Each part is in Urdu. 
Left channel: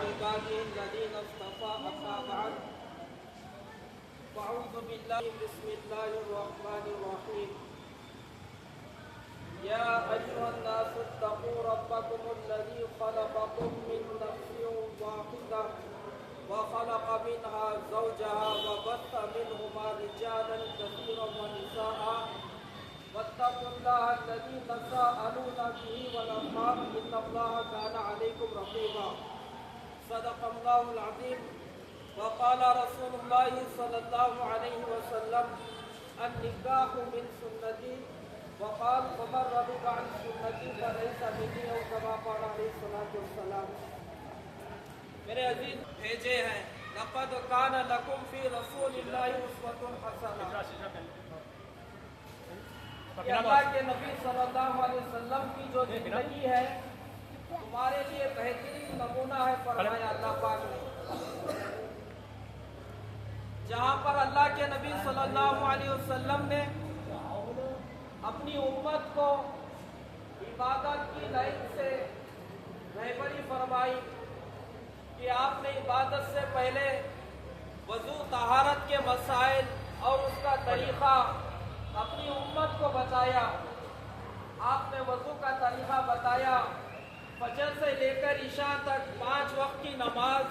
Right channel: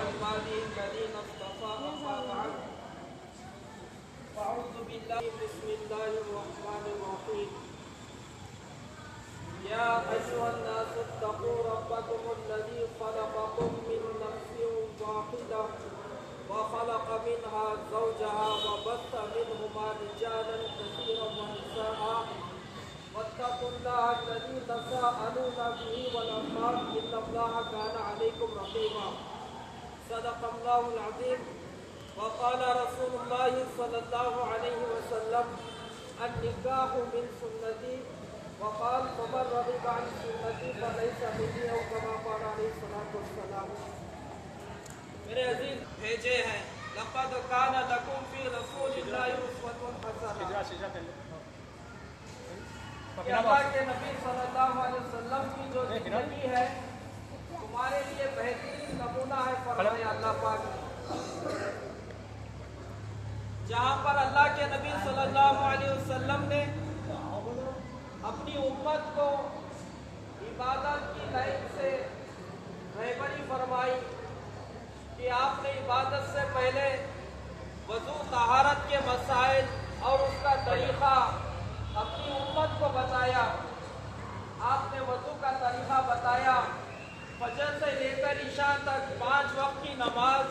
عباده الذين اصطفى أما بعد فأعوذ بالله بسم الله الرحمن الرحيم يا أيها الناس اتقوا ربكم الذي خلقكم من نفس واحدة وخلق منها زوجها وبث منهما رجالا كثيرا ونساء واتقوا الله الذي تساءلون به والأرحام إن الله كان عليكم رقيبا صدق الله العظيم وقال رسول الله صلى الله عليه وسلم النكاح من سنتي وقال فمن رغب عن سنتي فليس مني أو كما قال عليه الصلاة والسلام. میرے عزیز بھیجے ہیں لقد كان لكم في رسول الله أسوة حسنة. کہ اللہ کے نبی صلی اللہ علیہ وسلم کی جو زندگی ہے تمہارے لیے بہترین نمونہ ہے فرمایا اللہ پاک نے. جہاں پر اللہ کے نبی صلی اللہ علیہ وسلم نے اپنی امت کو عبادت کی لائن سے رہبری فرمائی کہ آپ نے عبادت سے پہلے وضو طہارت کے مسائل اور اس کا طریقہ اپنی امت کو بتایا. آپ نے وضو کا طریقہ بتایا. فجر سے لے کر عشاء تک 5 وقت کی نماز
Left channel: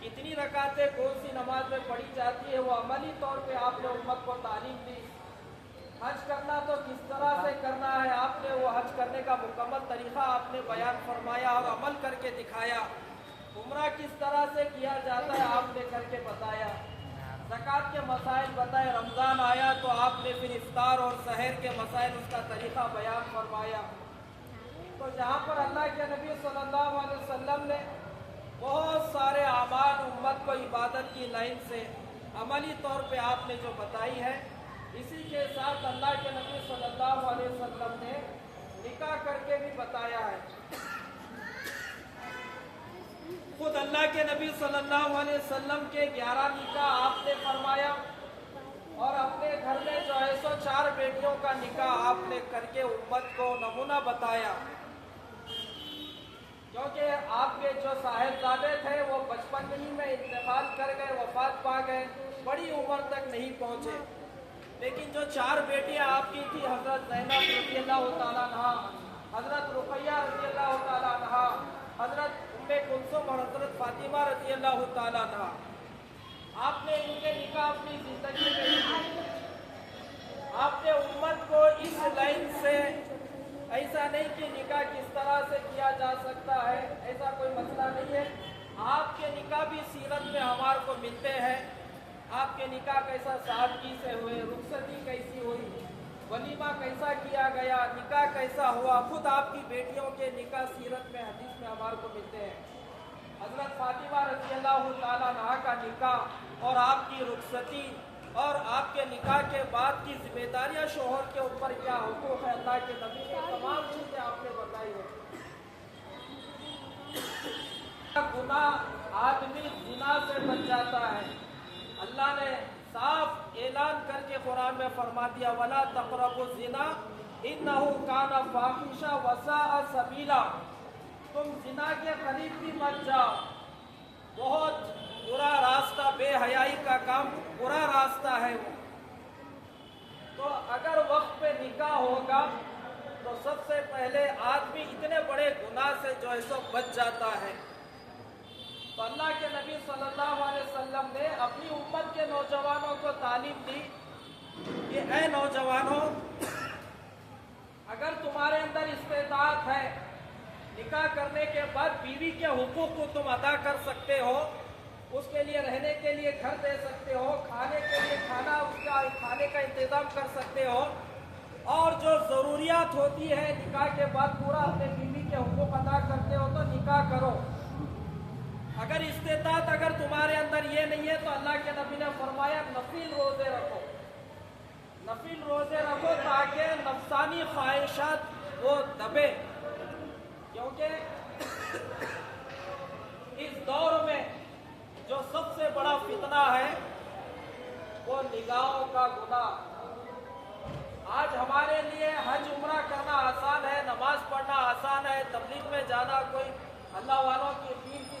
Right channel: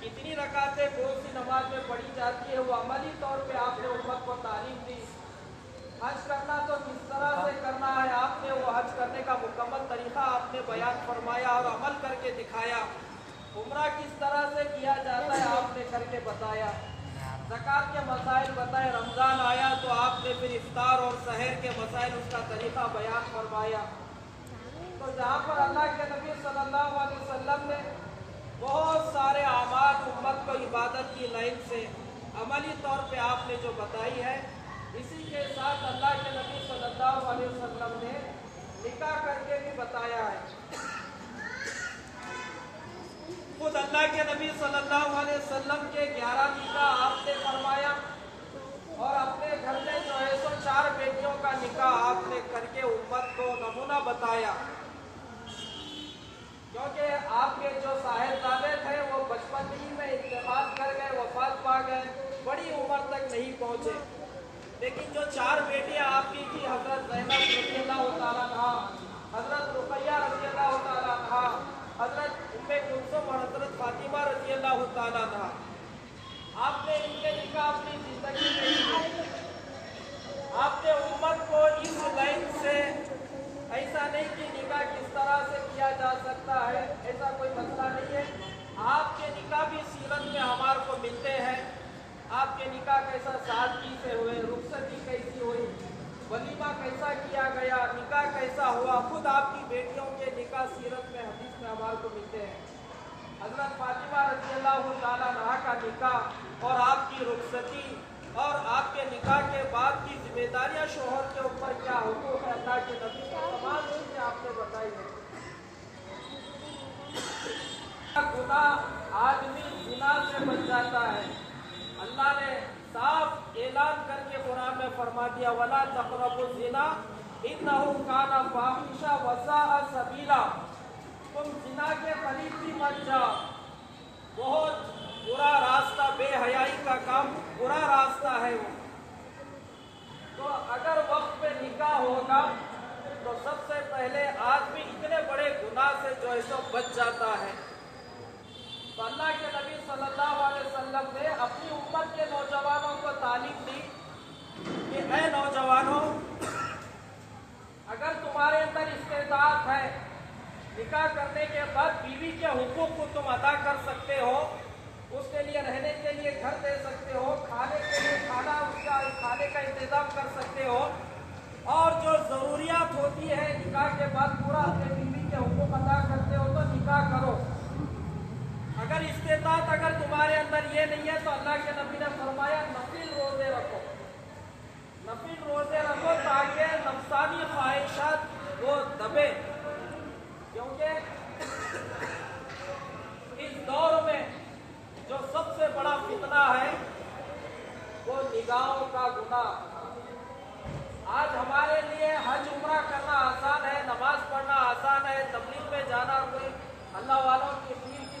کتنی رکعتیں کون سی نماز میں پڑھی جاتی ہے وہ عملی طور پہ آپ نے امت کو تعلیم دی. حج کرنا تو کس طرح سے کرنا ہے آپ نے وہ حج کرنے کا مکمل طریقہ آپ نے بیان فرمایا اور عمل کر کے دکھایا. عمرہ کس طرح سے کیا جاتا ہے آپ نے کر کے بتایا. زکوٰۃ کے مسائل بتائے. رمضان آیا تو آپ نے پھر افطار اور سحر کے مسائل اس کا طریقہ بیان فرمایا. تو جہاں پر اللہ کے نبی صلی اللہ علیہ وسلم نے بہت سارے اعمال امت کو عبادت کی لائن سے عملی طور پہ آپ نے جو بتائی ہے اسی کے ساتھ اللہ کے نبی صلی اللہ علیہ وسلم نے نکاح کر کے بھی بتایا ہے. خود اللہ کے نبی صلی اللہ علیہ وسلم کے 11 نکاح آپ نے فرمایا اور اپنے گھر میں جو ہے 104 بیٹیوں کا نکاح آپ نے کر کے امت کو نمونہ بتایا. کیونکہ آپ کے جو صاحبزادے تھے وہ بچپن ہی میں انتقال کر گئے, وفات پا گئے, بڑی عمر تک نہیں پہنچے. لیکن جو 4 بیٹیاں آپ کی تھی حضرت زینب رضی اللہ تعالیٰ عنہا, حضرت رقیہ رضی اللہ تعالیٰ عنہا, حضرت ام کلثوم اور حضرت فاطمہ رضی اللہ تعالیٰ عنہا, آپ نے ان کے نکاح اپنی زندگی میں آپ نے امت کو اس لائن سے ایسا نہیں کہ نکاح کس طرح سے کیا جا سکتا ہے, ایسا کوئی مسئلہ نہیں ہے. آپ کے نکاح بھی سیرت میں ہمارے کو ملتے ہیں. آپ کے نکاح کیسا سادگی سے ہوئے, رخصتی کیسی ہوئی, ولیمہ کیسا کیا گیا, نکاح کیسا ہوا. خود آپ کی بیٹیوں کے نکاح سیرت میں حدیث میں ہمارے کو ملتے ہیں. حضرت فاطمہ رضی اللہ تعالیٰ عنہا کا نکاح اور آپ کی رخصتی اور آپ کے نکاح کے بعد کی ذمہ داریاں شوہر کے اوپر کیا حقوق ہے اللہ کے نبی نے تمام چیزیں آپ نے بتائی ہے. گناہ آدمی زنا سے بچ جاتا ہے. اللہ نے صاف اعلان کر کے قرآن میں فرما دیا وَلَا تَقْرَبُوا الزِّنَا إِنَّهُ كَانَ فَاحِشًا وَسَاءَ سَبِيلًا. تم زنا کے قریب بھی مت جاؤ, بہت برا راستہ, بے حیائی کا کام, برا راستہ ہے وہ. تو اگر وقت پہ نکاح ہوگا تو سب سے پہلے آدمی اتنے بڑے گناہ سے جو ہے سو بچ جاتا ہے. تو اللہ کے نبی صلی اللہ علیہ وسلم نے اپنی امت کے نوجوانوں کو تعلیم دی کہ اے نوجوانوں, اگر تمہارے اندر استطاعت ہے نکاح کرنے کے بعد بیوی کے حقوق کو تم ادا کر سکتے ہو, اس کے لیے رہنے کے لیے گھر دے سکتے ہو, کھانے کے لیے کھانے کا انتظام کر سکتے ہو, اور جو ضروریات ہوتی ہے نکاح کے بعد پورا اپنے بیوی کے حقوق ادا کرتے ہو تو نکاح کرو. اگر استطاعت اگر تمہارے اندر یہ نہیں ہے تو اللہ کے نبی نے فرمایا نفل روزے رکھو, نفل روزے رکھو تاکہ نفسانی خواہشات وہ دبے. کیونکہ اس دور میں جو سب سے بڑا فتنہ ہے وہ نگاہوں کا گناہ. آج ہمارے لیے حج عمرہ کرنا آسان ہے, نماز پڑھنا آسان ہے, تبلیغ میں جانا کوئی اللہ والوں کی پیر کی